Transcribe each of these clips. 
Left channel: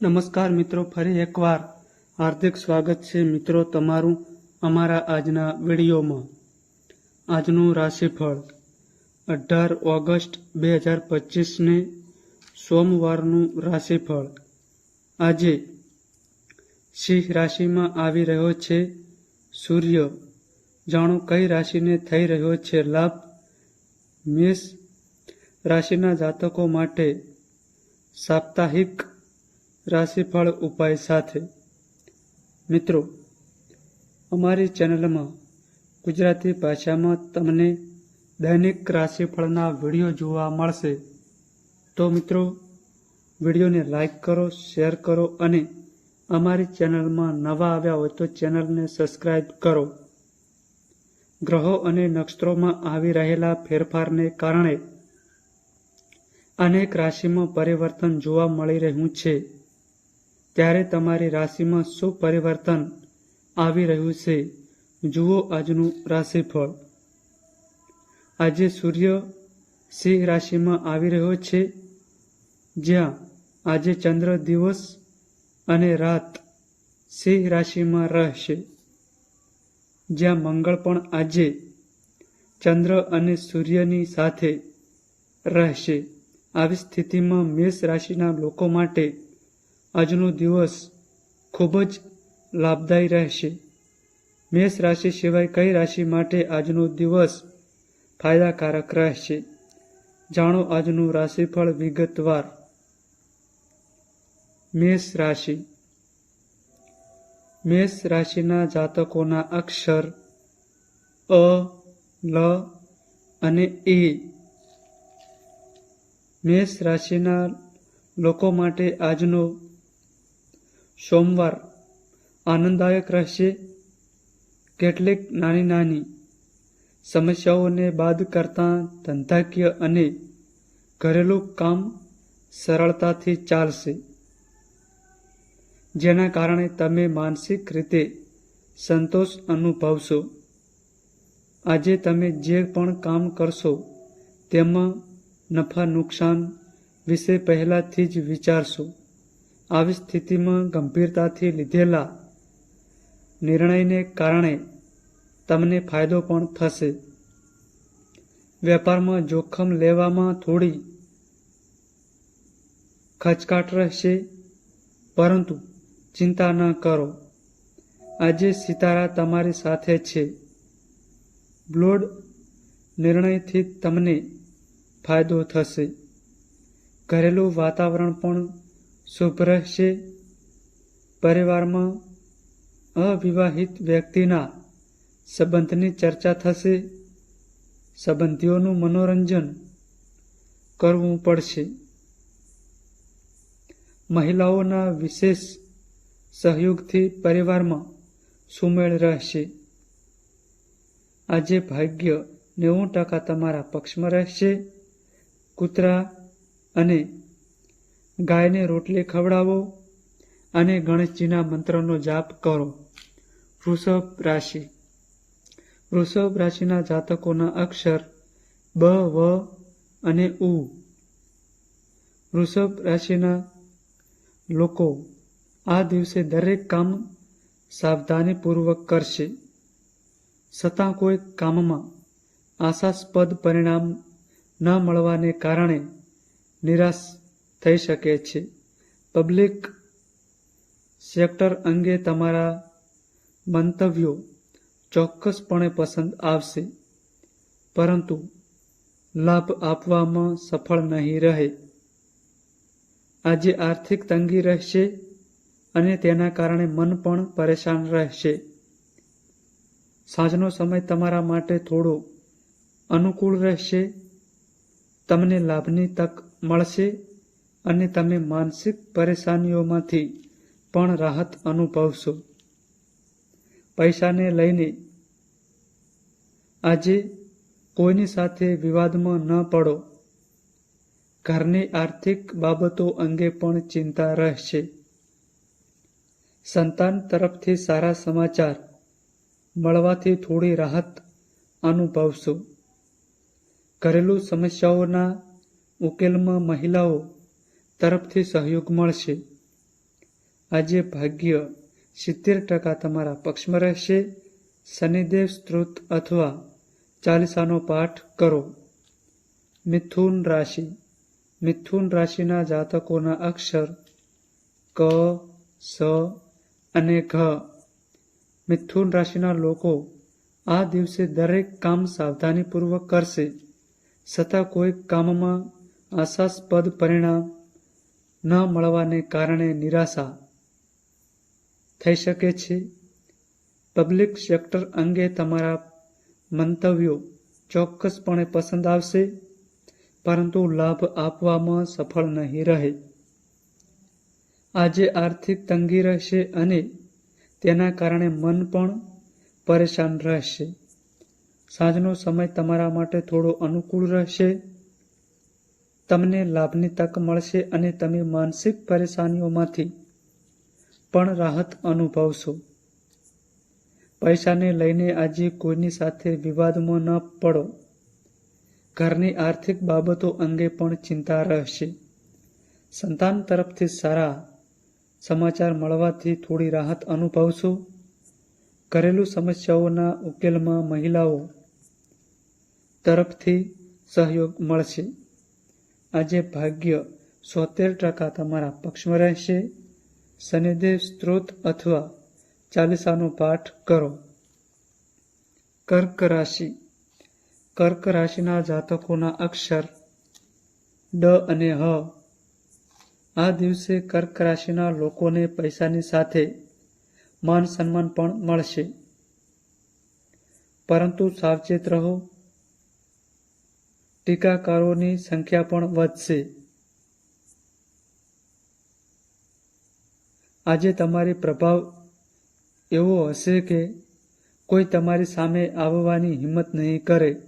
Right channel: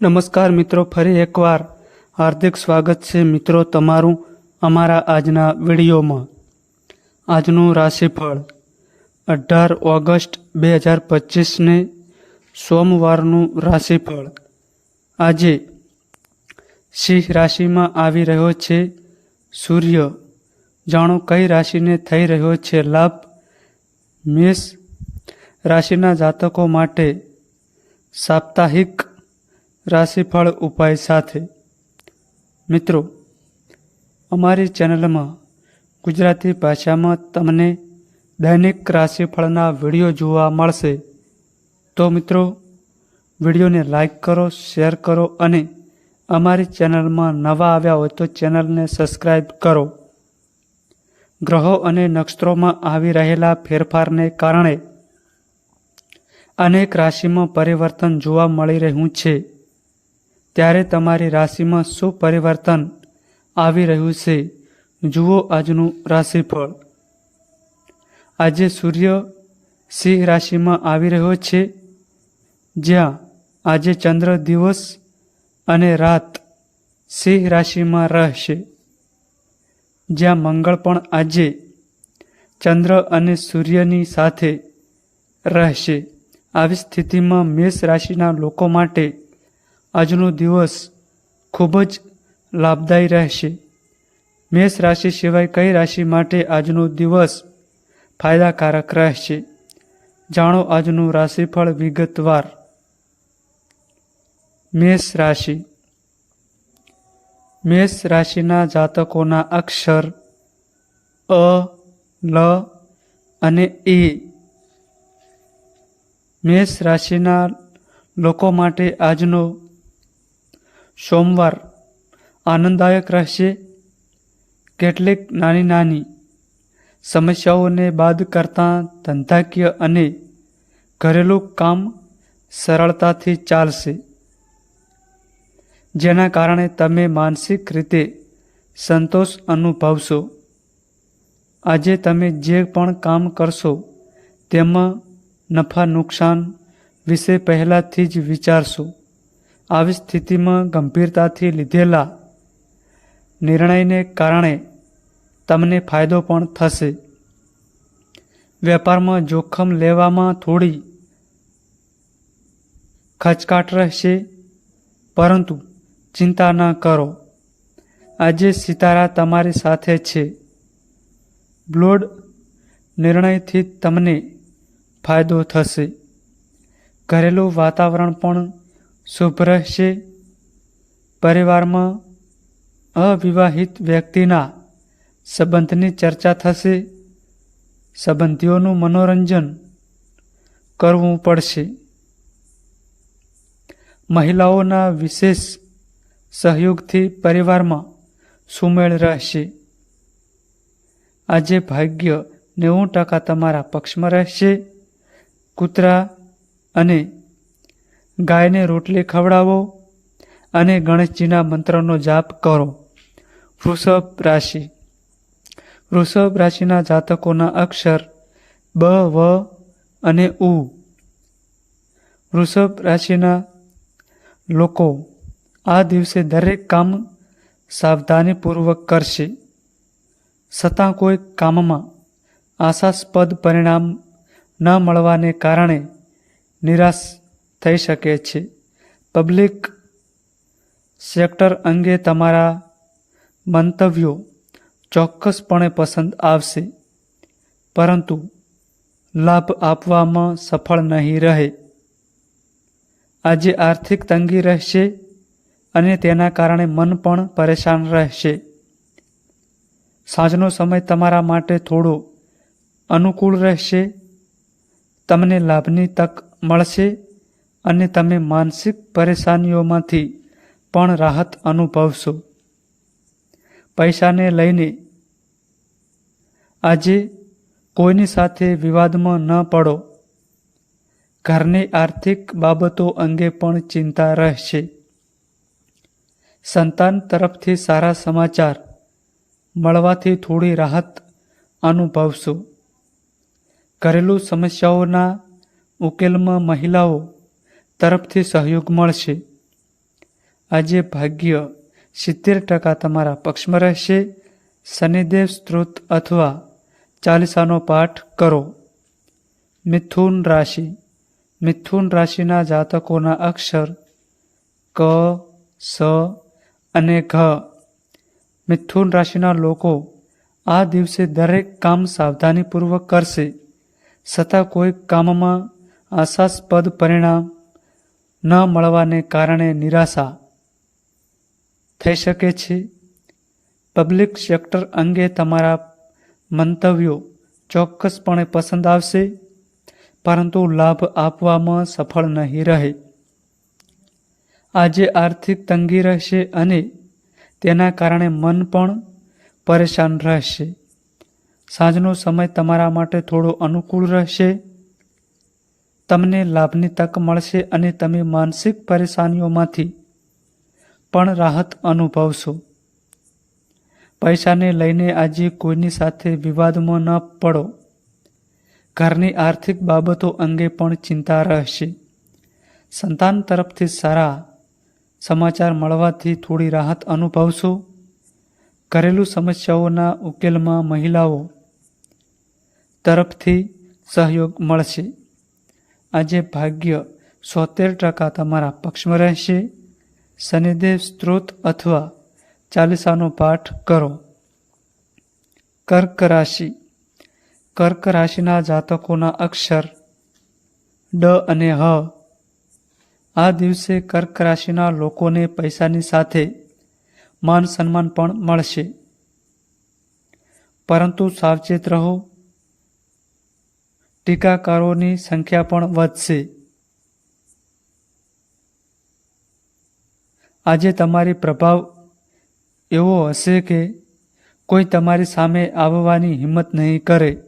નમસ્કાર મિત્રો, ફરી એકવાર હાર્દિક સ્વાગત છે મિત્રો તમારું અમારા આજના વિડીયોમાં. આજનું રાશિફળ, અઢાર ઓગસ્ટ બે હજાર પચીસને સોમવારનું રાશિફળ. આજે સિંહ રાશિમાં આવી રહ્યો છે સૂર્ય. જાણો કઈ રાશિને થઈ રહ્યો છે લાભ? મેષ રાશિના જાતકો માટે સાપ્તાહિક રાશિફળ ઉપાય સાથે. મિત્રો, અમારી ચેનલમાં ગુજરાતી ભાષામાં તમને દૈનિક રાશિફળના વીડિયો જોવા મળશે. તો મિત્રો, વિડીયોને લાઈક કરો, શેર કરો અને અમારી ચેનલમાં નવા આવ્યા હોય તો ચેનલને સબસ્ક્રાઈબ કરો. ગ્રહો અને નક્ષત્રોમાં આવી રહેલા ફેરફારને કારણે અનેક રાશિમાં પરિવર્તન જોવા મળી રહ્યું છે. ત્યારે તમારી રાશિમાં શું પરિવર્તન આવી રહ્યું છે? જુઓ આજનું રાશિફળ. આજે સૂર્ય સિંહ રાશિમાં આવી રહ્યો છે. જ્યાં આજે ચંદ્ર દિવસ અને રાત સિંહ રાશિમાં રહેશે. જ્યાં મંગળ પણ આજે ચંદ્ર અને સૂર્યની સાથે રહેશે. આવી સ્થિતિમાં મેષ રાશિના લોકો માટે આજનો દિવસ ખૂબ જ લાભદાયી રહેશે. મેષ રાશિ સિવાય કઈ રાશિ માટે આજનો દિવસ ફાયદાકારક રહેશે? જાણો આજનું રાશિફળ વિગતવાર. મેષ રાશિ. મેષ રાશિના જાતકોના અક્ષર અ, લ અને એ. મેષ રાશિના લોકો માટે આજનો સોમવાર, આનંદદાયક રહેશે. કેટલીક નાની નાની સમસ્યાઓને બાદ કરતાં ધંધાકીય અને ઘરેલું કામ સરળતાથી ચાલશે. જેના કારણે તમે માનસિક રીતે સંતોષ અનુભવશો. આજે તમે જે પણ કામ કરશો, તેમાં નફા નુકસાન વિશે પહેલાંથી જ વિચારશો. આવી સ્થિતિમાં ગંભીરતાથી લીધેલા નિર્ણયને કારણે તમને ફાયદો પણ થશે. વેપારમાં જોખમ લેવામાં થોડી ખચકાટ રહેશે, પરંતુ ચિંતા ન કરો. આજે સિતારા તમારી સાથે છે. બ્લોડ નિર્ણયથી તમને ફાયદો થશે. ઘરેલું વાતાવરણ પણ શુભ રહેશે પરિવારમાં અવિવાહિત વ્યક્તિના સંબંધની ચર્ચા થશે. સંબંધીઓનું મનોરંજન કરવું પડશે. મહિલાઓના વિશેષ સહયોગથી પરિવારમાં સુમેળ રહેશે. આજે ભાગ્ય નેવું ટકા તમારા પક્ષમાં રહેશે. કૂતરા અને ગાયને રોટલી ખવડાવો અને ગણેશજીના મંત્રનો જાપ કરો. વૃષભ રાશિ. વૃષભ રાશિના જાતકોના અક્ષર બ, વ અને ઉ. વૃષભ રાશિના લોકો આ દિવસે દરેક કામ સાવધાનીપૂર્વક કરશે. છતાં કોઈ કામમાં આશાસ્પદ પરિણામ ન મળવાને કારણે નિરાશ થઈ શકે છે. પબ્લિક સેક્ટર અંગે તમારા મંતવ્યો ચોક્કસપણે પસંદ આવશે. પરંતુ લાભ આપવામાં સફળ નહીં રહે. આજે આર્થિક તંગી રહેશે અને તેના કારણે મન પણ પરેશાન રહેશે. સાંજનો સમય તમારા માટે થોડો અનુકૂળ રહેશે. તમને લાભની તક મળશે. અને તમે માનસિક પરેશાનીઓમાંથી પણ રાહત અનુભવશો. પૈસાને લઈને આજે કોઈની સાથે વિવાદમાં ન પડો. ઘરની આર્થિક બાબતો અંગે પણ ચિંતા રહેશે. સંતાન તરફથી સારા સમાચાર મળવાથી થોડી રાહત અનુભવશો. ઘરેલું સમસ્યાઓના ઉકેલમાં મહિલાઓ તરફથી સહયોગ મળશે. આજે ભાગ્ય સિત્તેર ટકા તમારા પક્ષમાં રહેશે. શનિદેવ સ્ત્રોત અથવા ચાલીસાનો પાઠ કરો. મિથુન રાશિ. મિથુન રાશિના જાતકોના અક્ષર ક, સ અને ઘ. મિથુન રાશિના લોકો આ દિવસે દરેક કામ સાવધાનીપૂર્વક કરશે. છતાં કોઈ કામમાં આશાસ્પદ પરિણામ ન મળવાને કારણે નિરાશા થઈ શકે છે. પબ્લિક સેક્ટર અંગે તમારા મંતવ્યો ચોક્કસપણે પસંદ આવશે, પરંતુ લાભ આપવામાં સફળ નહીં રહે. આજે આર્થિક તંગી રહેશે અને તેના કારણે મન પણ પરેશાન રહેશે. સાંજનો સમય તમારા માટે થોડો અનુકૂળ રહેશે. તમને લાભની તક મળશે અને તમે માનસિક પરેશાનીઓમાંથી પણ રાહત અનુભવશો. પૈસાને લઈને આજે કોઈની સાથે વિવાદમાં ન પડો. ઘરની આર્થિક બાબતો અંગે પણ ચિંતા રહેશે. સંતાન તરફથી સારા સમાચાર મળવાથી થોડી રાહત અનુભવશો. ઘરેલું સમસ્યાઓના ઉકેલમાં મહિલાઓ તરફથી સહયોગ મળશે. આજે ભાગ્ય સોતેર ટકા તમારા પક્ષમાં રહેશે. શનિદેવ સ્ત્રોત અથવા ચાલીસાનો પાઠ કરો. કર્ક રાશિ. કર્ક રાશિના જાતકોના અક્ષર ડ અને હ. આ દિવસે કર્ક રાશિના લોકોને પૈસાની સાથે માન સન્માન પણ મળશે. પરંતુ સાવચેત રહો. ટીકાકારોની સંખ્યા પણ વધશે. આજે તમારી પ્રભાવ એવો હશે કે કોઈ તમારી સામે આવવાની હિંમત નહીં કરે.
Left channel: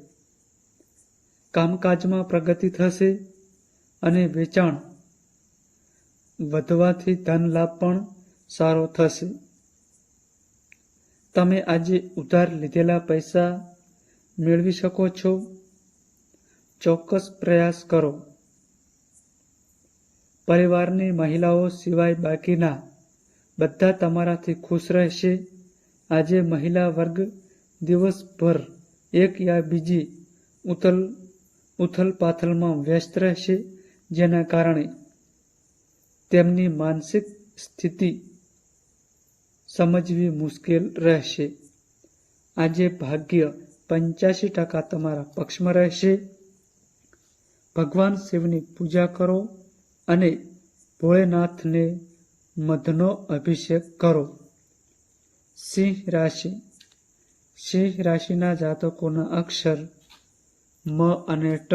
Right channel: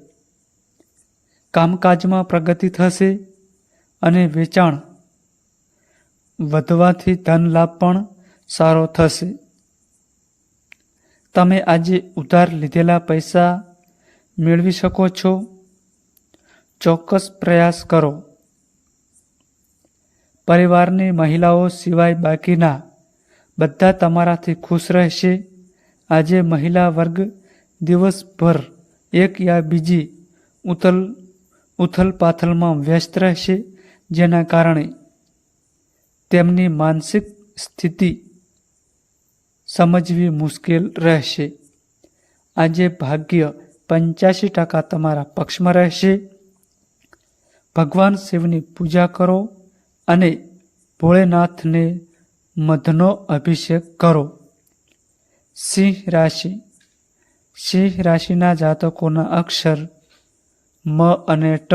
કામકાજમાં પ્રગતિ થશે અને વેચાણ વધવાથી ધન લાભ પણ સારો થશે. તમે આજે ઉધાર લીધેલા પૈસા મેળવી શકો છો. ચોક્કસ પ્રયાસ કરો. પરિવારની મહિલાઓ સિવાય બાકીના બધા તમારાથી ખુશ રહેશે. આજે મહિલા વર્ગ દિવસભર એક યા બીજી ઉથલ ઉથલ પાથલમાં વ્યસ્ત રહેશે, જેના કારણે તેમની માનસિક સ્થિતિ સમજવી મુશ્કેલ રહેશે. આજે ભાગ્ય પંચ્યાસી ટકા તમારા પક્ષમાં રહેશે. ભગવાન શિવની પૂજા કરો અને ભોળેનાથને મધનો અભિષેક કરો. સિંહ રાશિ. સિંહ રાશિના જાતકોના અક્ષર મ અને ટ.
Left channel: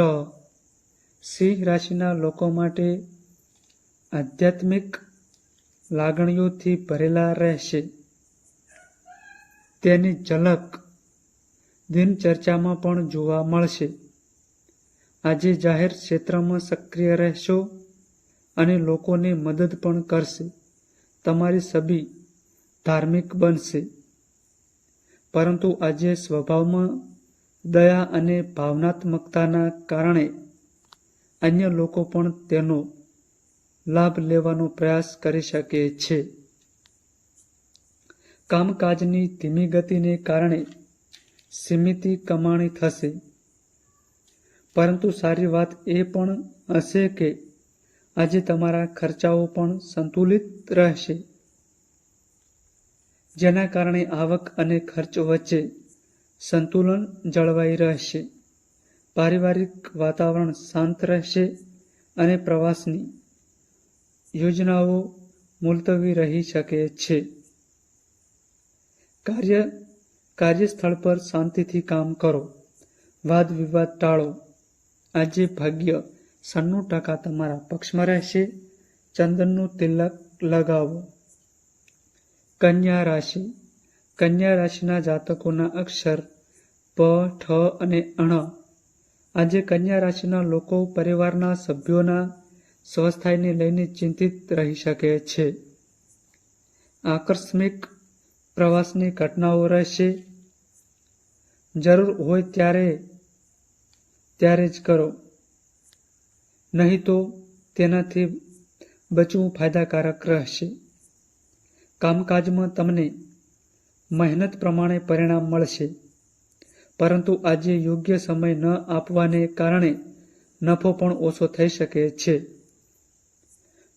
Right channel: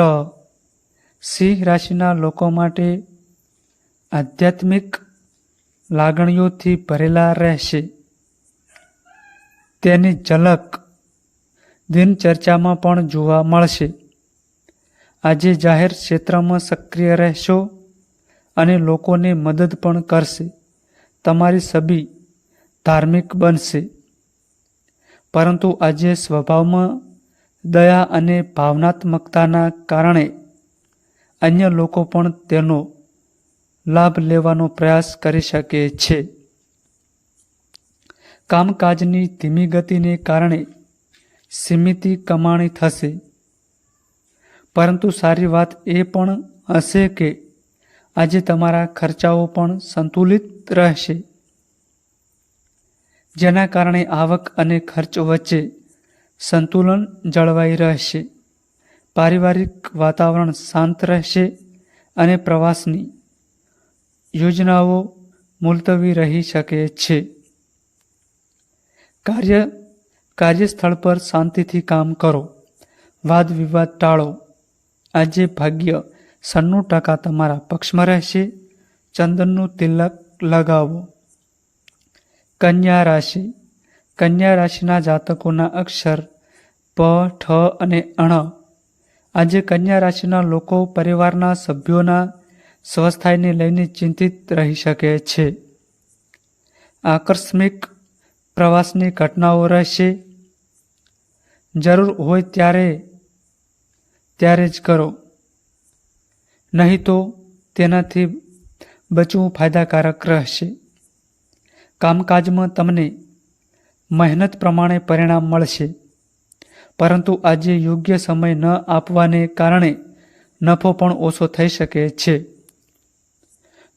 સિંહ રાશિના લોકો માટે આધ્યાત્મિક લાગણીઓથી ભરેલા રહેશે. તેની ઝલક દિનચર્ચામાં પણ જોવા મળશે. આજે જાહેર ક્ષેત્રમાં સક્રિય રહેશો અને લોકોને મદદ પણ કરશે. તમારી છબી ધાર્મિક બનશે. પરંતુ આજે સ્વભાવમાં દયા અને ભાવનાત્મકતાના કારણે અન્ય લોકો પણ તેનો લાભ લેવાનો પ્રયાસ કરી શકે છે. કામકાજની ધીમી ગતિને કારણે સીમિત કમાણી થશે. પરંતુ સારી વાત એ પણ હશે કે આજે તમારા ખર્ચાઓ પણ સંતુલિત રહેશે. જેના કારણે આવક અને ખર્ચ વચ્ચે સંતુલન જળવાઈ રહેશે. પારિવારિક વાતાવરણ શાંત રહેશે અને પ્રવાસની યોજનાઓ મુલતવી રહી શકે છે. કાર્ય, કાર્યસ્થળ પર શાંતિથી કામ કરો. વાદ વિવાદ ટાળો. આજે ભાગ્ય સન્નું ટકા તમારા પક્ષમાં રહેશે. ચંદનનું તિલક લગાવો. કન્યા રાશિ. કન્યા રાશિના જાતકોના અક્ષર પ, ઠ અને અણ. આજે કન્યા રાશિના લોકો પરિવારના સભ્યોના સ્વસ્થાયને લઈને ચિંતિત રહી શકે છે. આકસ્મિક પ્રવાસની ઘટનાઓ રહેશે. જરૂર હોય ત્યારે ત્યારે જ કરો. નહીં તો તેનાથી બચવું ફાયદાકારક રહેશે. કામકાજમાં તમને મહેનત પ્રમાણે પરિણામ મળશે. પરંતુ આજે યોગ્ય સમય ન આપવાને કારણે નફો પણ ઓછો થઈ શકે છે.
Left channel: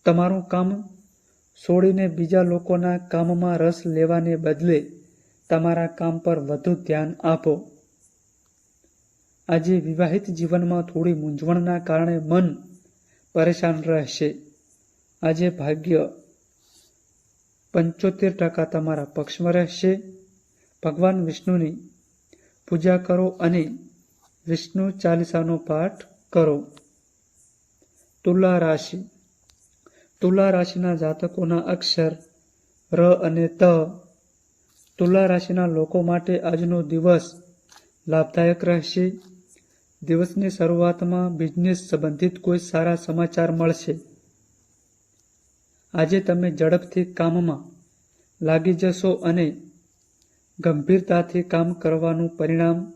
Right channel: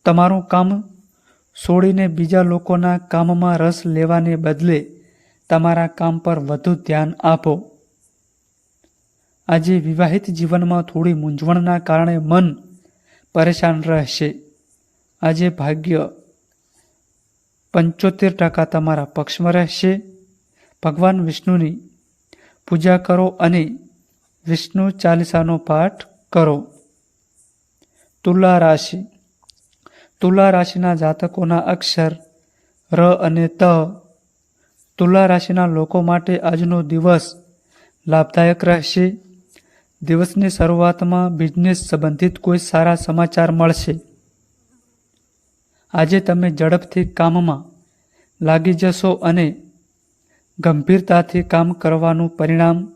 તમારું કામ છોડીને બીજા લોકોના કામમાં રસ લેવાને બદલે તમારા કામ પર વધુ ધ્યાન આપો. આજે વિવાહિત જીવનમાં થોડી મૂંઝવણના કારણે મન પરેશાન રહેશે. આજે ભાગ્ય પંચોતેર ટકા તમારા પક્ષમાં રહેશે. ભગવાન વિષ્ણુની પૂજા કરો અને વિષ્ણુ ચાલીસાનો પાઠ કરો. તુલા રાશિ. તુલા રાશિના જાતકોના અક્ષર, ર અને ત. તુલા રાશિના લોકો માટે આજનો દિવસ લાભદાયક રહેશે. દિવસની શરૂઆતમાં બિઝનેસ સંબંધિત કોઈ સારા સમાચાર મળશે. આજે તમે ઝડપથી કામમાં લાગી જશો અને ગંભીરતાથી કામ કરવાનું પરિણામ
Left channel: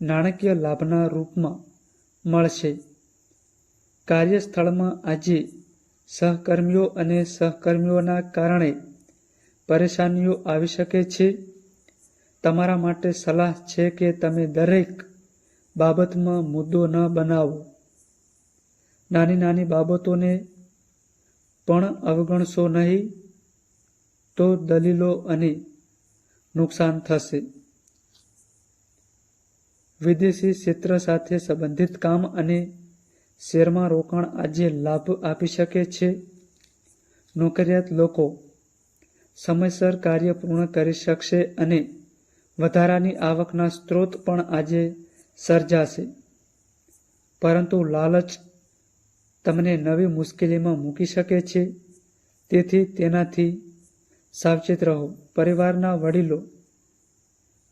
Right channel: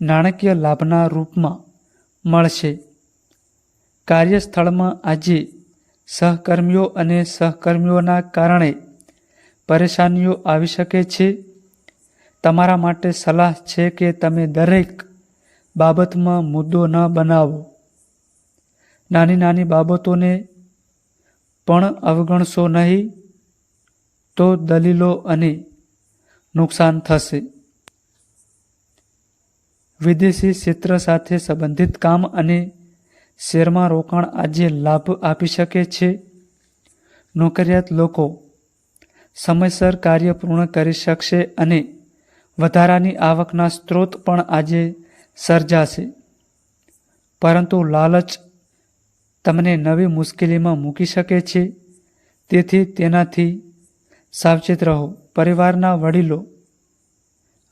નાણાકીય લાભના રૂપમાં મળશે. કાર્યસ્થળમાં આજે સહકર્મીઓ અને સહકર્મીઓના કારણે પરેશાનીઓ આવી શકે છે. તમારા માટે સલાહ છે કે તમે દરેક બાબતમાં મુદ્દો ન બનાવો. નાની નાની બાબતોને પણ અવગણશો નહીં તો દલીલો અને નુકસાન થશે. વિદેશી ક્ષેત્ર સાથે સંબંધિત કામ અને શેરમાં રોકાણ આજે લાભ આપી શકે છે. નોકરિયાત લોકો સમયસર કાર્ય પૂર્ણ કરી શકશે અને વધારાની આવકના સ્ત્રોત પણ આજે સર્જાશે. પરંતુ લાલચ તમને નવી મુશ્કેલીમાં મૂકી શકે છે. તેથી તેનાથી સાવચેત રહો. પરિવારના વડીલો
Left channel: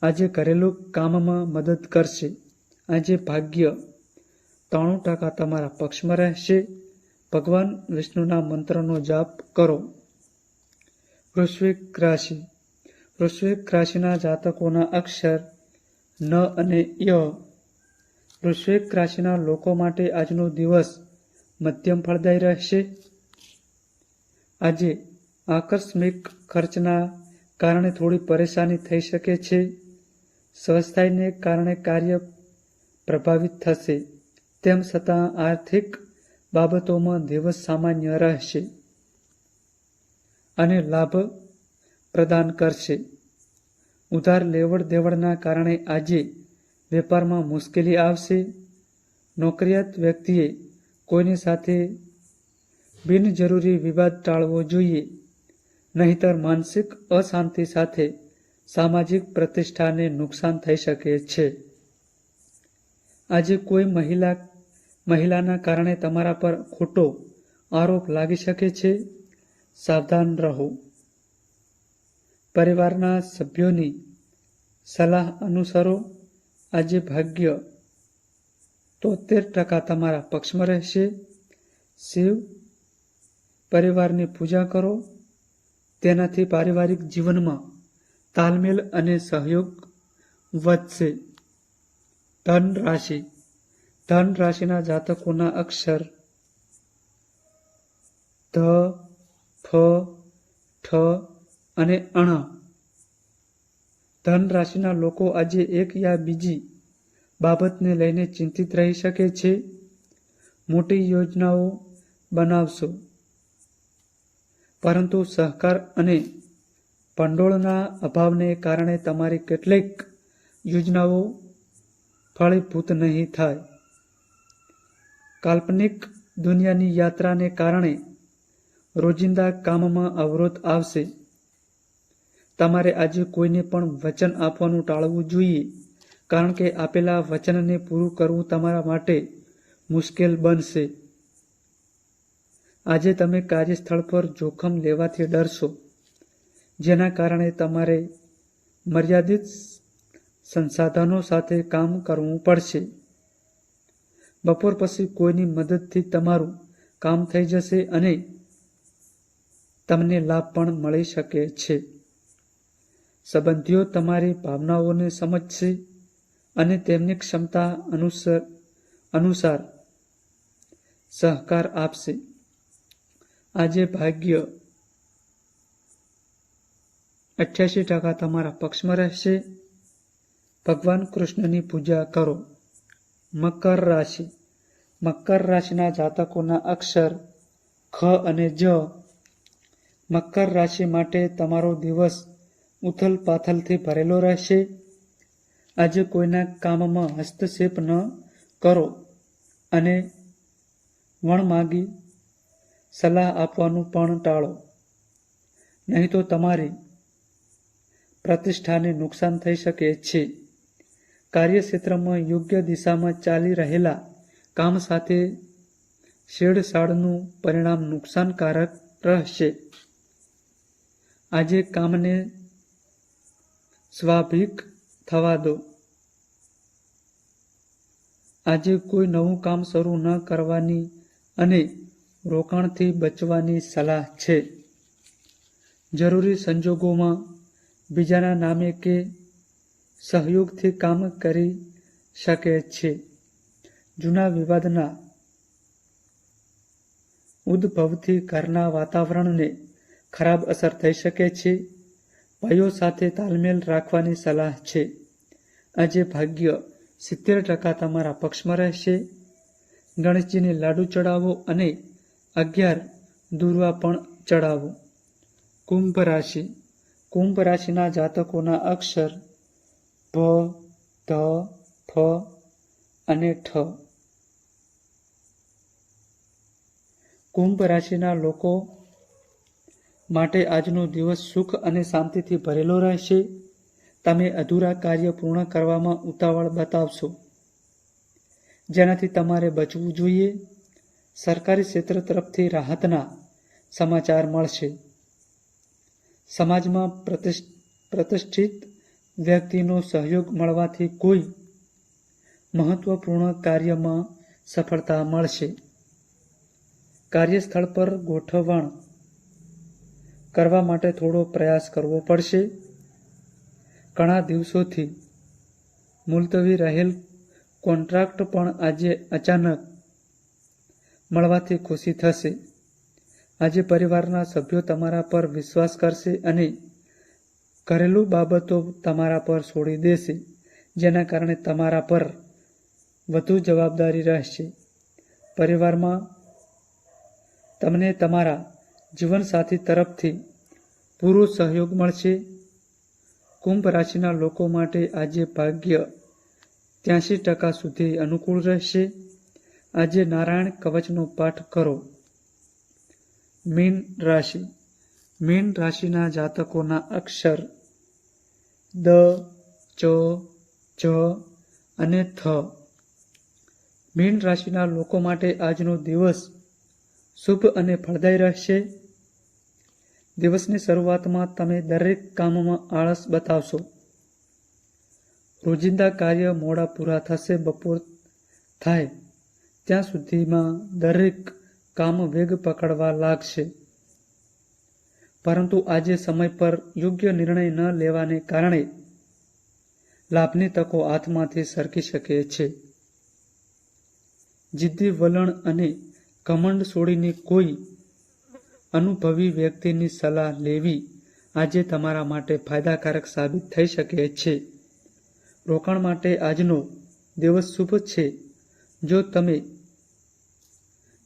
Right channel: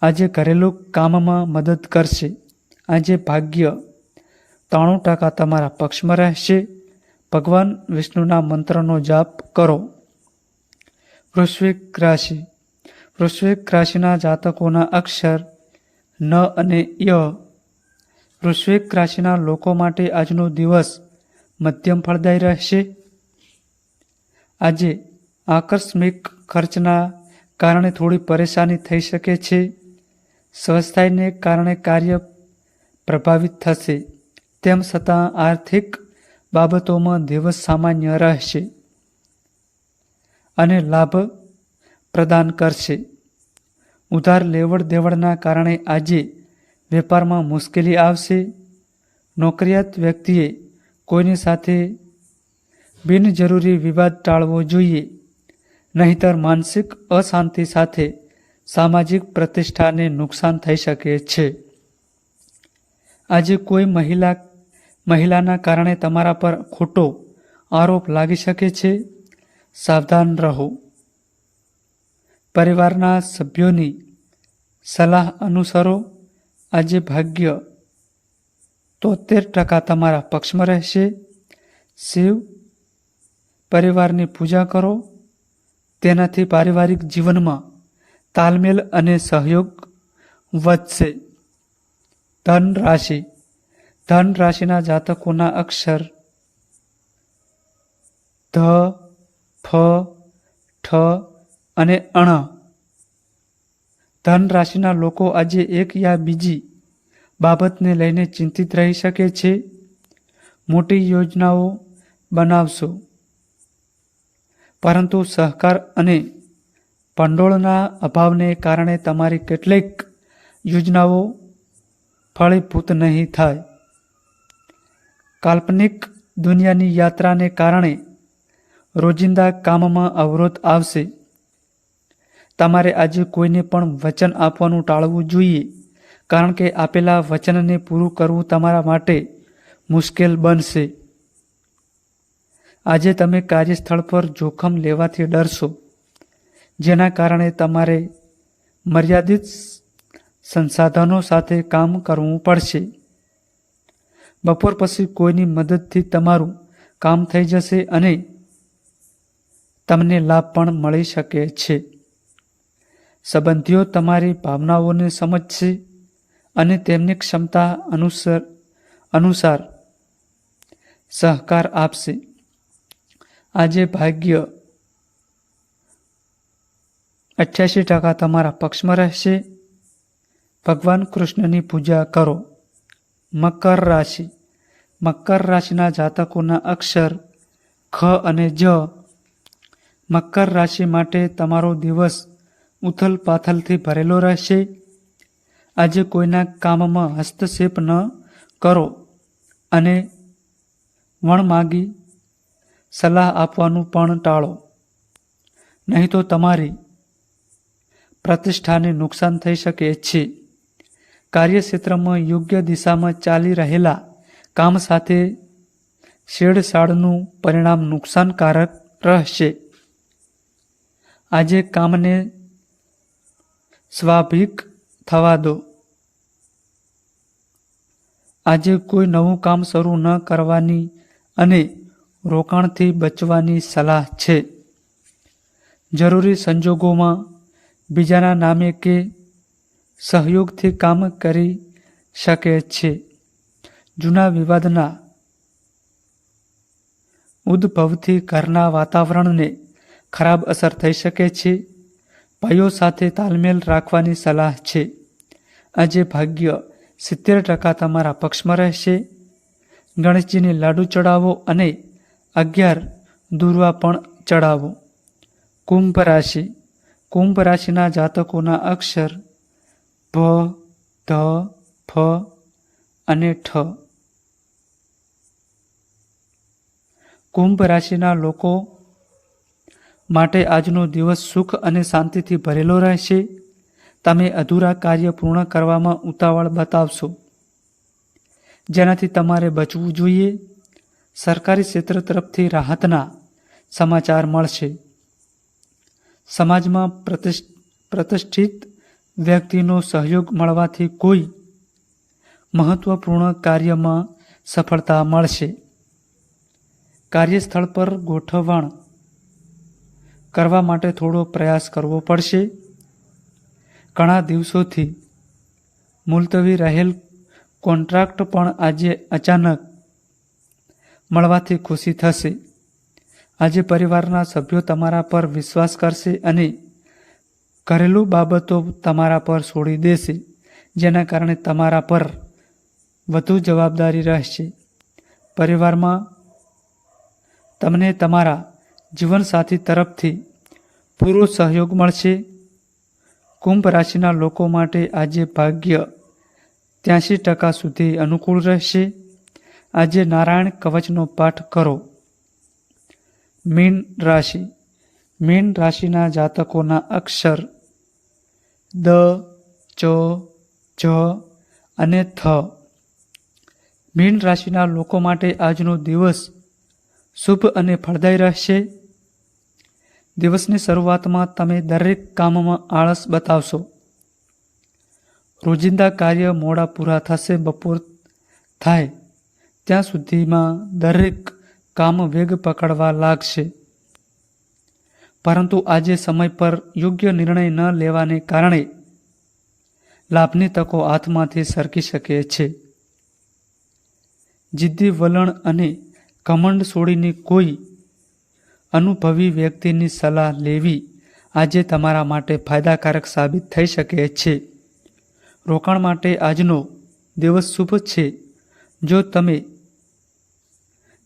આજે ઘરેલું કામમાં મદદ કરશે. આજે ભાગ્ય ત્રાણું ટકા તમારા પક્ષમાં રહેશે. ભગવાન વિષ્ણુના મંત્રનો જાપ કરો. વૃશ્વિક રાશિ. વૃશ્વિક રાશિના જાતકોના અક્ષર ન અને ય વૃશ્વિક રાશિના લોકો માટે આજનો દિવસ મધ્યમ ફળદાયી રહેશે. આજે આકસ્મિક ખર્ચના કારણે થોડી પરેશાની થઈ શકે છે. સ્વસ્થાયને કારણે કાર્ય પ્રભાવિત થશે. તેમ છતાં આર્થિક બાબતોમાં દિવસ સામાન્ય રહેશે અને લાભ પ્રદાન કરશે. ઉધાર લેવડ દેવડના કારણે આજે વેપારમાં મુશ્કેલી આવશે. નોકરિયાત વ્યક્તિએ કોઈની સાથે બિનજરૂરી વિવાદ ટાળવો જોઈએ. નહીતર માનસિક અશાંતિ સાથે સામાજિક પ્રતિષ્ઠાને નુકસાન થઈ શકે છે. આજે કોઈ મહિલા, મહિલાના કારણે તમારા પર ખોટો આરોપ લાગી શકે છે? સાવધાન રહો. પરિવારના સભ્યોની સલાહ અનુસરો. આજે ભાગ્ય તોતેર ટકા તમારા પક્ષમાં રહેશે. શિવ પરિવારની પૂજા કરો. તેનાથી પારિવારિક જીવનમાં તાલમેલ અને સહયોગ વધશે. ધન રાશિ. ધન રાશિના જાતકોના અક્ષર ધ, ફ, ઠ અને અણ ધન રાશિના લોકો આજે એક યા બીજી બાબતને લઈને ચિંતિત રહી શકે છે. મોટી યોજનાઓ બનાવશો. પરંતુ સહકાર અને ભંડોળના અભાવને કારણે તમારી કેટલીક યોજનાઓ ફળીભૂત નહીં થાય. કાલ્પનિક દુનિયાની યાત્રાને કારણે રોજિંદા કામમાં અવરોધ આવશે. તમારે આજે કોઈને પણ વચન આપવાનું ટાળવું જોઈએ, કારણ કે આપેલા વચનને પૂરું કરવું તમારા માટે મુશ્કેલ બનશે. આજે તમે કાર્યસ્થળ પર જોખમ લેવાથી ડરશો, જેના કારણે તમારે મર્યાદિત સંસાધનો સાથે કામ કરવું પડશે. બપોર પછી કોઈની મદદથી તમારું કામ થઈ જશે અને તમને લાભ પણ મળી શકે છે. સંબંધીઓ તમારી ભાવનાઓને સમજશે અને તેમની ક્ષમતા અનુસાર અનુસાર સહકાર આપશે. આજે ભાગ્ય અઠ્યાસી ટકા તમારા પક્ષમાં રહેશે. ભગવાન કૃષ્ણની પૂજા કરો. મકર રાશિ. મકર રાશિના જાતકોના અક્ષર ખ અને જ. મકર રાશિ માટે તમારો દિવસ ઉથલ પાથલથી ભરેલો રહેશે. આજે કોઈના કામમાં હસ્તક્ષેપ ન કરો અને વણમાગી સલાહ આપવાનું પણ ટાળો. નહીં તો તમારી પ્રતિષ્ઠાને નુકસાન થઈ શકે છે. કાર્યક્ષેત્રમાં યોગ્ય દિશામાં ચાલી રહેલા કામ સાથે છેડછાડનું પરિણામ નુકસાનકારક રહેશે. આજે કામને સ્વાભાવિક થવા દો. આજે કોઈ નવું કામ શરૂ ન કરવાની અને રોકાણથી બચવાની સલાહ છે. જરૂરી સંજોગોમાં બીજાના નામે કે સહયોગથી કામ કરી શકે છે. જૂના વિવાદના ઉદ્ભવથી ઘરના વાતાવરણને ખરાબ અસર થઈ શકે છે. ભાઈઓ સાથે તાલમેલ રાખવાની સલાહ છે. આજે ભાગ્ય સિત્તેર ટકા તમારા પક્ષમાં રહેશે. ગણેશજીને લાડુ ચડાવો અને અગિયાર દુર્વા પણ ચડાવો. કુંભ રાશિ. કુંભ રાશિના જાતકોના અક્ષર ભ ધ ફ અને ઠ. કુંભ રાશિના લોકો માટે આજનો દિવસ સુખ અને શાંતિથી ભરેલો રહેશે. તમે અધૂરા કાર્ય પૂર્ણ કરવામાં ઉતાવળ બતાવશો. જેનાથી તમારે બચવું જોઈએ. સરકારી ક્ષેત્ર તરફથી રાહતના સમાચાર મળશે. સમાજમાં પ્રતિષ્ઠ, પ્રતિષ્ઠિત વ્યક્તિનો સહયોગ મળવાથી કોઈ મહત્વપૂર્ણ કાર્યમાં સફળતા મળશે. કાર્યસ્થળ પર ગોઠવણ કરવા માટે થોડો પ્રયાસ કરવો પડશે. ઘણા દિવસોથી મુલતવી રહેલ કોન્ટ્રાક્ટ પણ આજે અચાનક મળવાથી ખુશી થશે. આજે પરિવારના સભ્યો તમારા પર વિશ્વાસ કરશે અને ઘરેલું બાબતો તમારા પર છોડી દેશે, જેના કારણે તમારા પર વધુ જવાબદારી રહેશે. પરિવારમાં તમને તમારા જીવનસાથી તરફથી પૂરો સહયોગ મળશે. કુંભ રાશિના લોકો માટે આજે ભાગ્ય ત્યાંસી ટકા સુધી અનુકૂળ રહેશે. આજે નારાયણ કવચનો પાઠ કરો. મીન રાશિ. મીન રાશિના જાતકોના અક્ષર દ, ચ, જ અને થ. મીન રાશિના લોકો માટે આજનો દિવસ શુભ અને ફળદાયી રહેશે. દિવસની શરૂઆતમાં તમે દરેક કામમાં આળસ બતાવશો. રોજિંદા કાર્ય મોડા પૂરા થશે, બપોર થાય ત્યાં સુધીમાં દરેક કામ વેગ પકડવા લાગશે. પરંતુ આજે સમય પર યોગ્ય નિર્ણય ન લેવાને કારણે લાભની તકો હાથમાંથી સરકી શકે છે. જિદ્દી વલણ અને કમંડ છોડીને કોઈ અનુભવી વ્યક્તિની સલાહ લેવી આજે તમારા માટે ફાયદાકારક સાબિત થઈ શકે છે. રોકાણ માટે આજનો દિવસ શુભ છે. જો તમે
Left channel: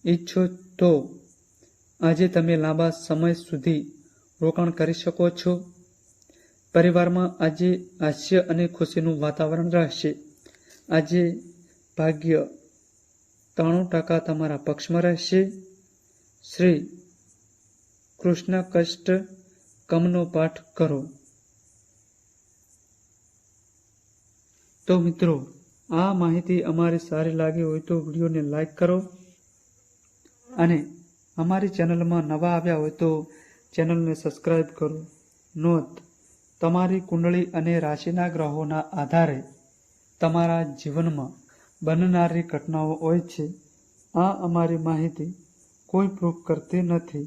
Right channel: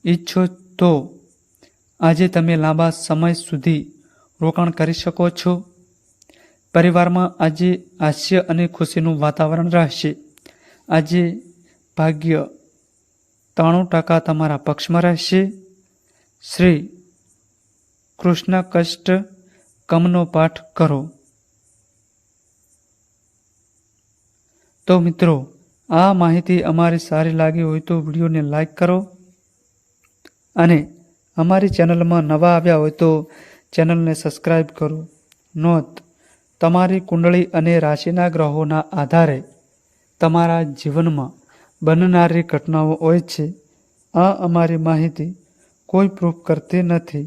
ઈચ્છો તો આજે તમે લાંબા સમય સુધી રોકાણ કરી શકો છો. પરિવારમાં આજે હાસ્ય અને ખુશીનું વાતાવરણ રહેશે. આજે ભાગ્ય ત્રાણું ટકા તમારા પક્ષમાં રહેશે. શ્રી કૃષ્ણ કષ્ટ, કમનો પાઠ કરો. તો મિત્રો, આ માહિતી અમારી સારી લાગી હોય તો વિડીયોને લાઈક કરો અને અમારી ચેનલમાં નવા આવ્યા હોય તો ચેનલને સબસ્ક્રાઈબ કરો. નોંધ, તમારી કુંડળી અને રાશિના ગ્રહોના આધારે તમારા જીવનમાં બનનારી ઘટનાઓ હોય છે. આ અમારી માહિતી કોઈ પ્રૂફ કરતી નથી.